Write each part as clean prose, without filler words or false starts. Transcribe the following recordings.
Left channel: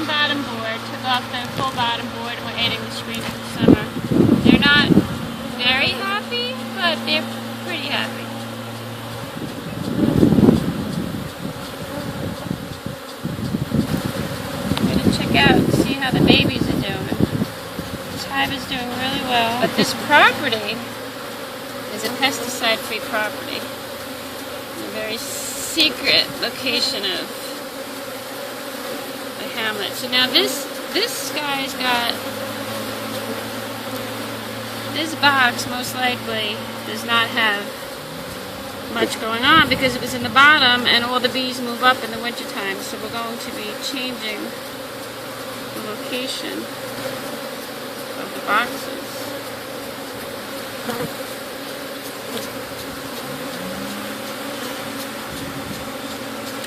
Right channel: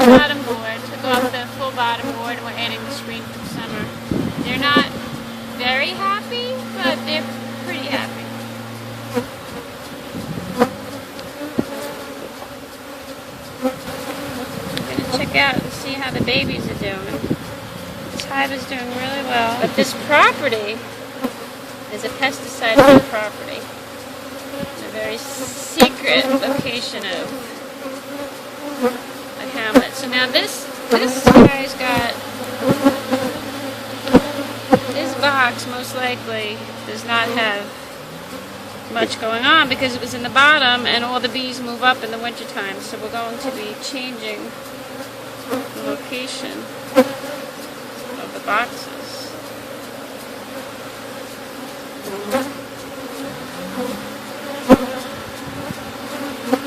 Bottom board, took off the full bottom board, and we're adding the screen in the summer. They're not very happy, but they're pretty happy. I'm going to check out and see how the babies are doing. This hive is doing really well. But this property is a pesticide-free property. It's a very secret location of hamlet. So now this guy's got, this box most likely does not have much going on because it was in the bottom and all the bees move up in the wintertime. So we're going to be changing the location of the boxes.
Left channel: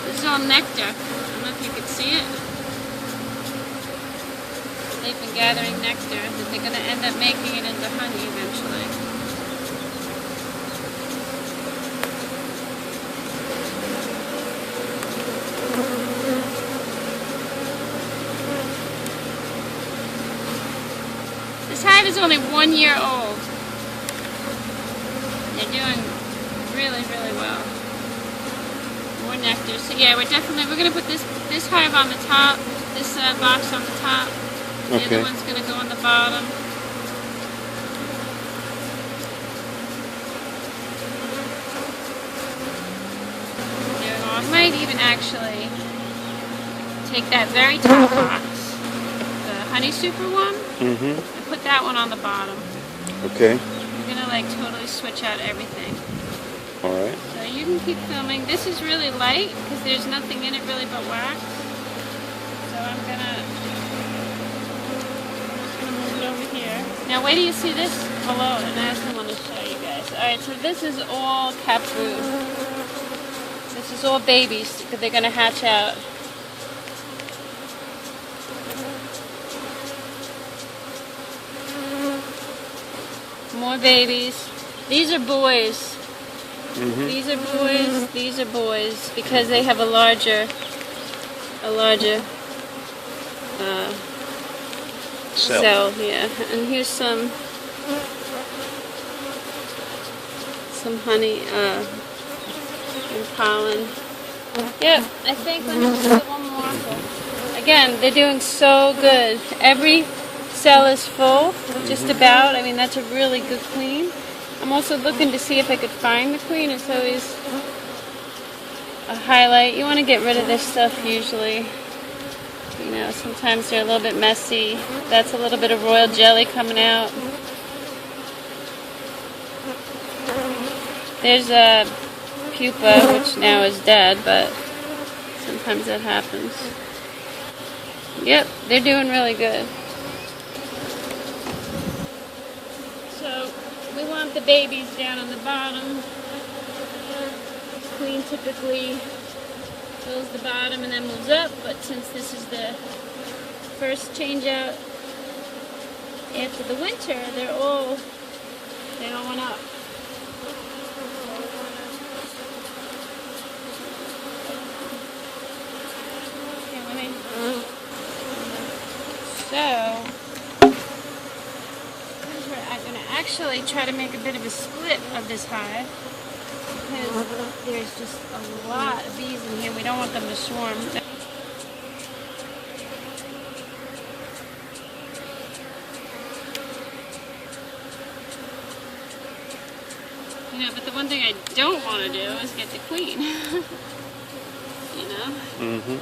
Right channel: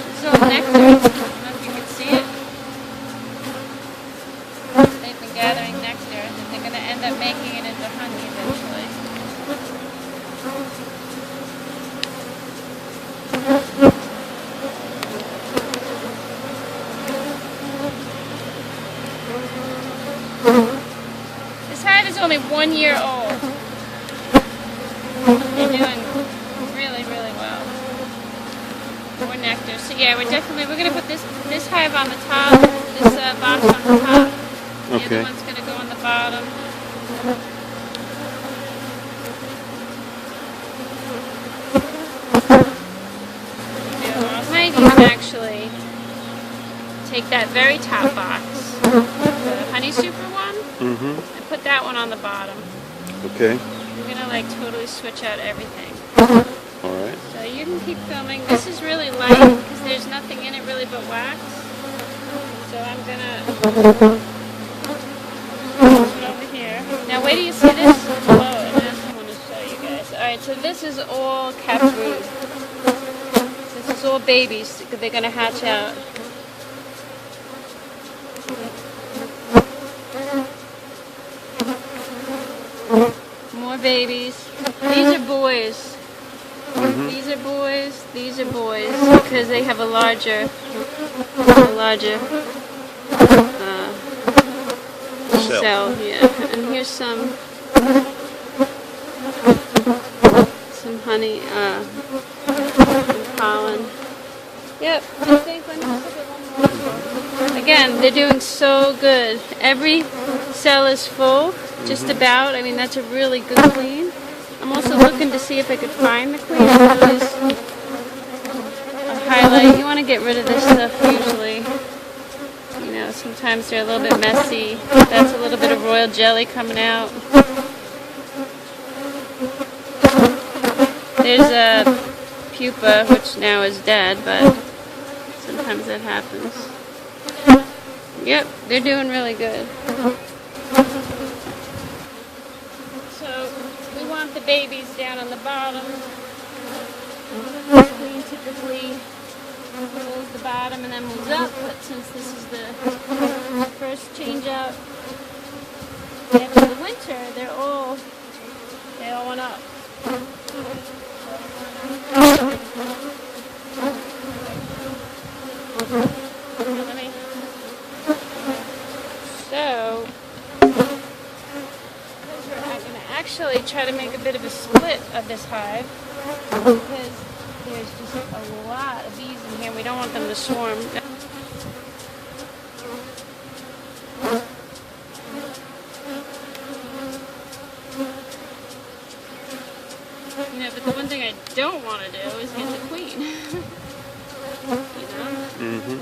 This is all nectar. Gathering nectar that they're going to end up making it into honey eventually. This hive is only 1 year old. They're doing really, really well. More nectar. So yeah, we're going to put this hive on the top, this box on the top. The other one's going to go on the bottom. You can actually take that very top box, the honey super one, and put that one on the bottom. Okay. I'm going to like totally switch out everything. Alright. So you can keep filming. This is really light because there's nothing in it really but wax. So I'm going to... over here. Now wait till you see this. Whoa, last I want to show you guys. Alright, so this is all capped brood. This is all babies. They're going to hatch out. More babies. These are boys. These are boys. These are boys because they have a larger cell, yeah. And here's some honey and pollen. Yep, I think let me just get one more. Again, they're doing so good. Every cell is full, just about. I mean, that's a really good queen. I'm also looking to see if I could find the queen. It's always a highlight. You want to get rid of this stuff usually. You know, sometimes they're a little bit messy. That's a little bit of royal jelly coming out. There's a pupa, which now is dead, but sometimes that happens. Yep, they're doing really good. So we want the babies down on the bottom. The queen typically fills the bottom and then moves up, but since this is the first change out after the winter, they all went up. So I'm going to actually try to make a bit of a split of this hive because there's just a lot of bees in here. We don't want them to swarm. You know, but the one thing I don't want to do is get the queen. You know? And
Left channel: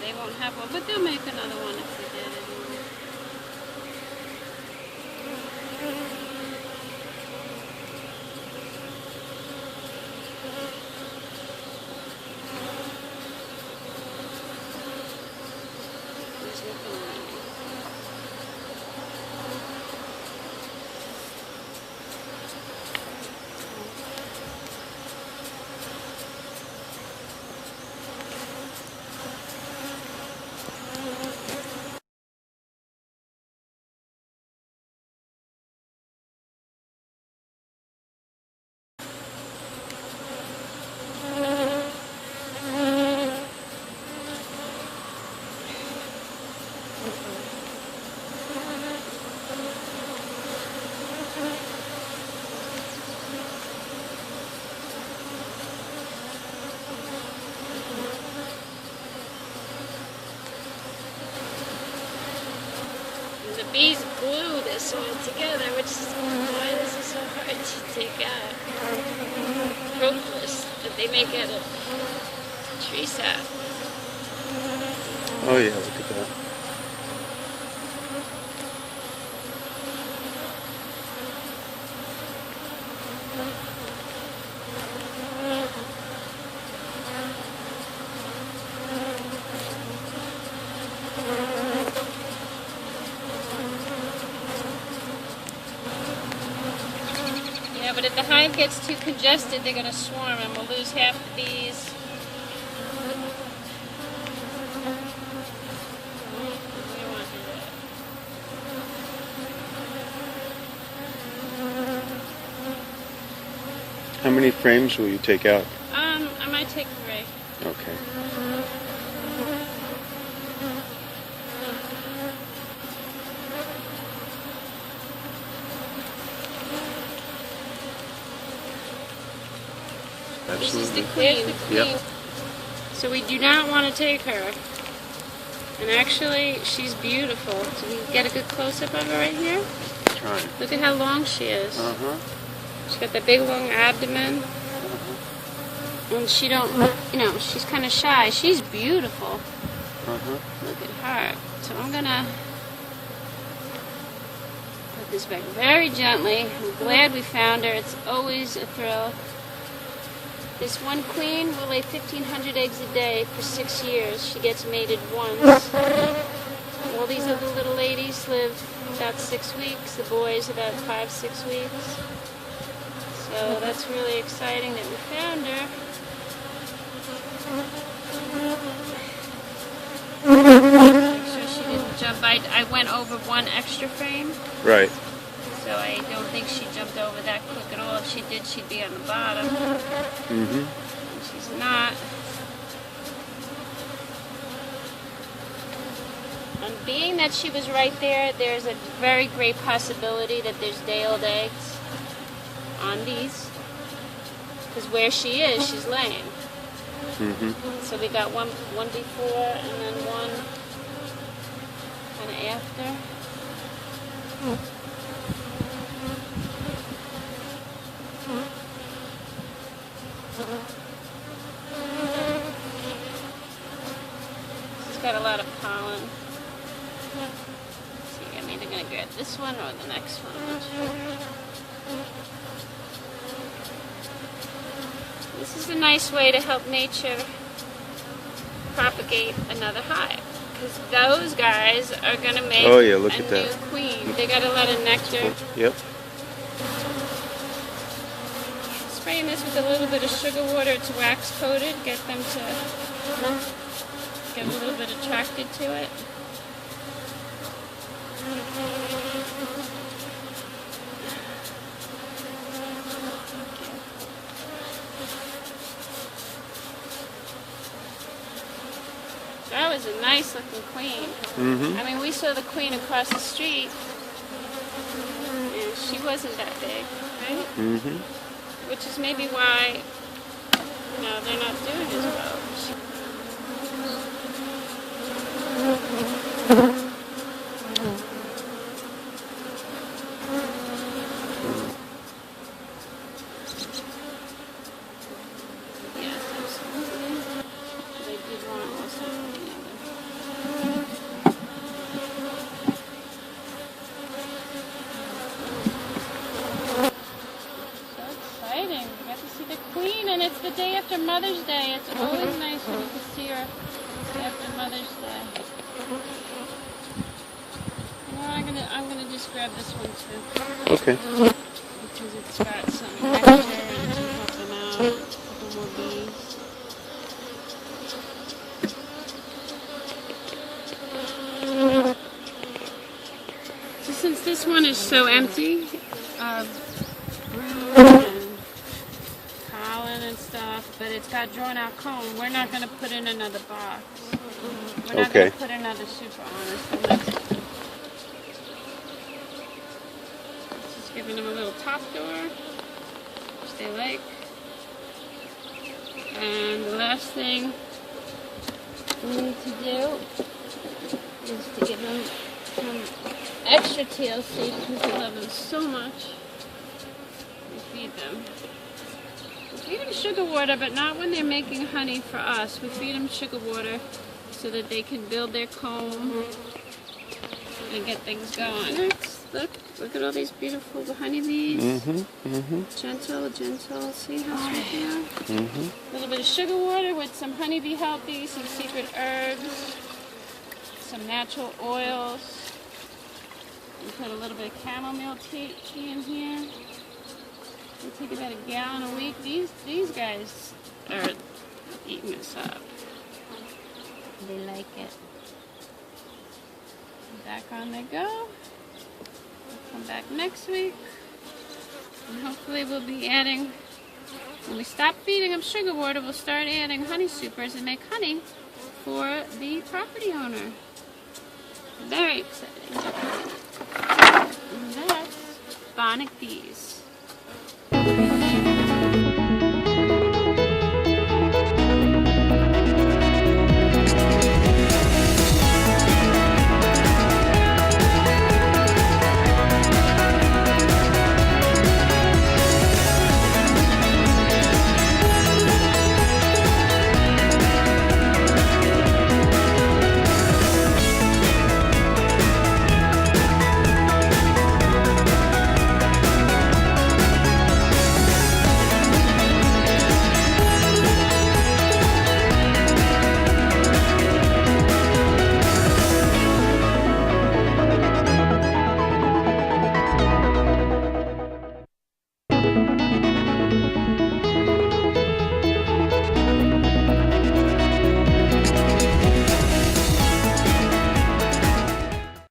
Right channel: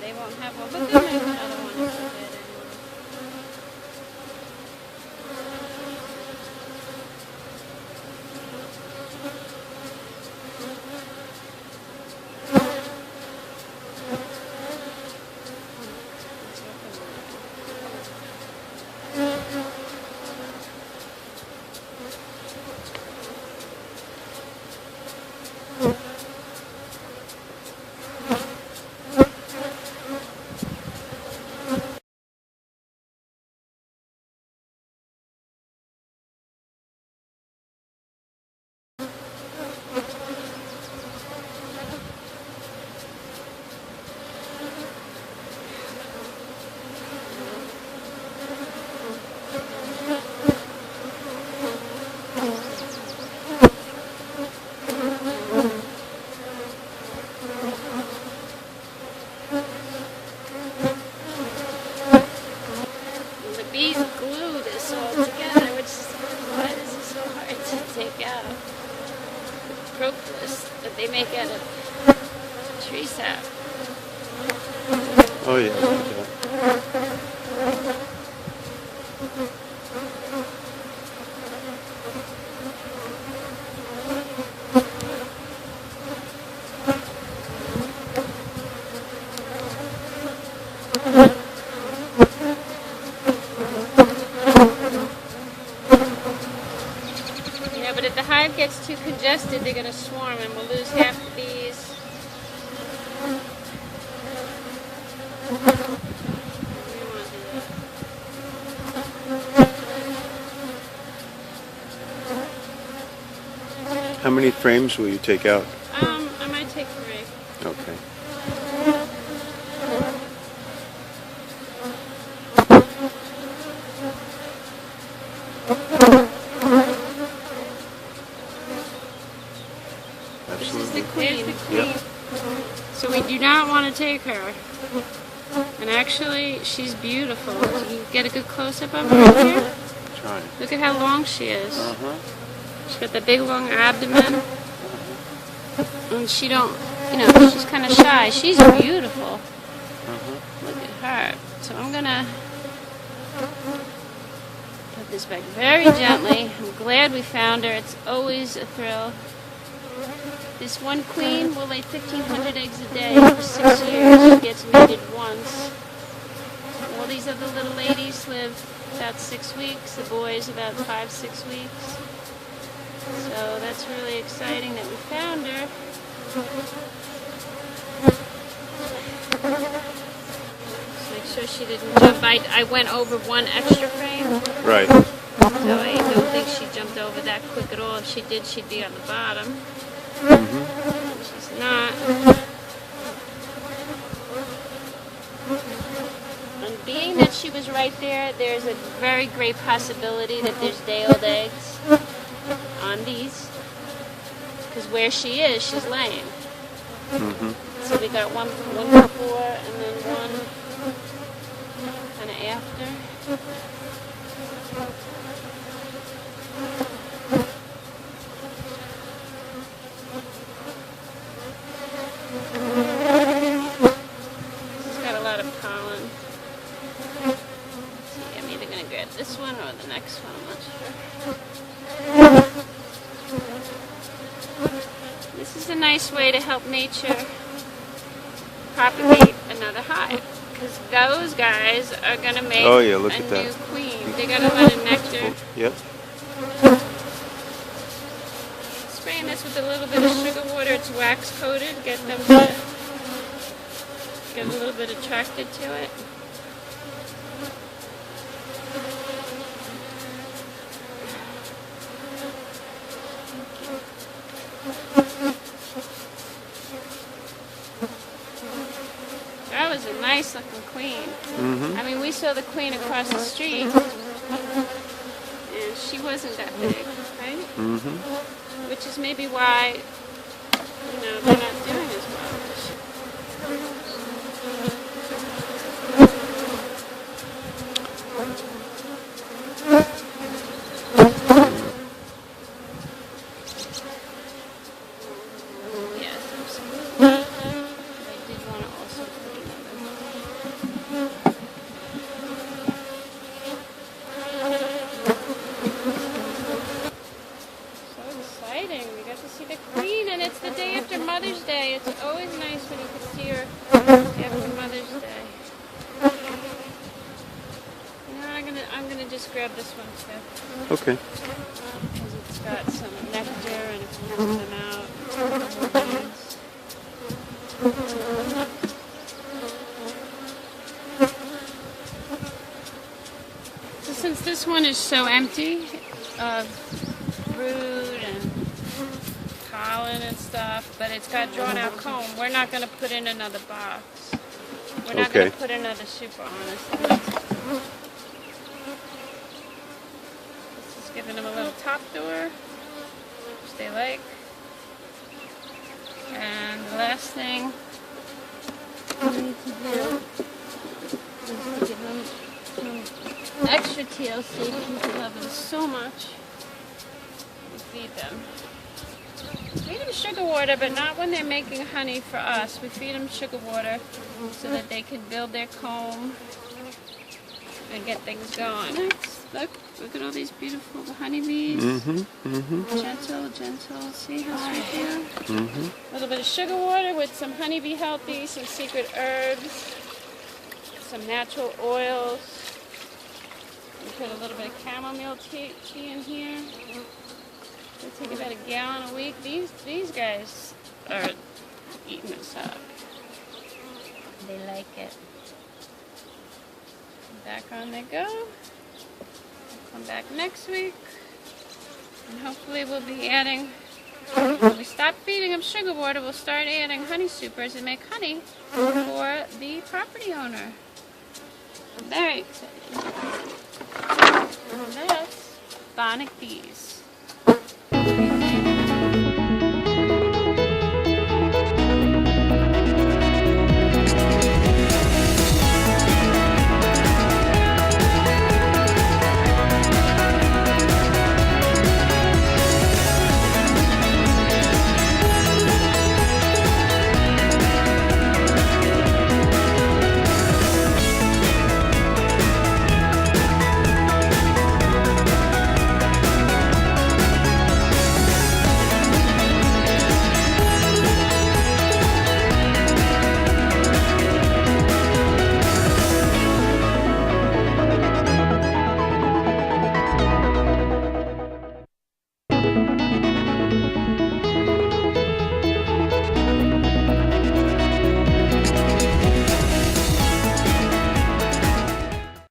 they won't have one, but they'll make another one if they did anyway. He's looking bees glue this all together, which is why this is so hard to take out. Propolis that they make out of tree sap. Oh yeah, look at that. Yeah, but if the hive gets too congested, they're going to swarm and we'll lose half the bees. We don't want to do that. How many frames will you take out? I might take 3. Okay. Absolutely. There's the queen. Yep. So we do not want to take her. And actually, she's beautiful. So you get a good close-up of her right here. Trying. Look at how long she is. Uh-huh. She's got the big long abdomen. And she don't, she's kind of shy. She's beautiful. Uh-huh. Look at her. So I'm going to put this back very gently. I'm glad we found her. It's always a thrill. This one queen will lay 1,500 eggs a day for 6 years. She gets mated once. All these other little ladies live about 6 weeks. The boys about 5-6 weeks. So that's really exciting that we found her. Make sure she didn't jump. I went over 1 extra frame. Right. So I don't think she jumped over that quick at all. If she did, she'd be on the bottom. Mm-hmm. And she's not. And being that she was right there, there's a very great possibility that there's day-old eggs on these. Because where she is, she's laying. Mm-hmm. So we got one before and then one kind of after. She's got a lot of pollen. Let's see, I'm either going to grab this one or the next one. I'm not sure. This is a nice way to help nature propagate another hive. Because those guys are going to make Oh, yeah, look a at new that. queen. They got a lot of nectar. Yep. Spraying this with a little bit of sugar water. It's wax coated. Get them to get a little bit attracted to it. That was a nice looking queen. Mm-hmm. I mean, we saw the queen across the street, and she wasn't that big, right? Mm-hmm. Which is maybe why, they're not doing as well. Yes, absolutely. But I do want to also put another. So exciting. We got to see the queen, and it's the day after Mother's Day. It's always nice when you can see her after Mother's Day. I'm gonna just grab this one too. Okay. Because it's got some nectar and it's moving them out. It's got more bees. So since this one is so empty of brood and pollen and stuff, but it's got drawn out comb, we're not going to put in another box. We're not going to put another super on it. Just giving them a little top door, which they like. And the last thing we need to do is to give them some extra extra TLC because we love them so much. We feed them. We feed them sugar water, but not when they're making honey for us. We feed them sugar water so that they can build their comb and get things going. Look at all these beautiful honeybees. Gentle. See how I do? A little bit of sugar water with some honeybee healthy, some secret herbs, some natural oils. We put a little bit of chamomile tea in here. They take about a gallon a week. These guys are eating this up. They like it. Back on they go. Come back next week. And hopefully we'll be adding, when we stop feeding them sugar water, we'll start adding honey supers and make honey for the property owner. Very exciting. And that's Bonac bees.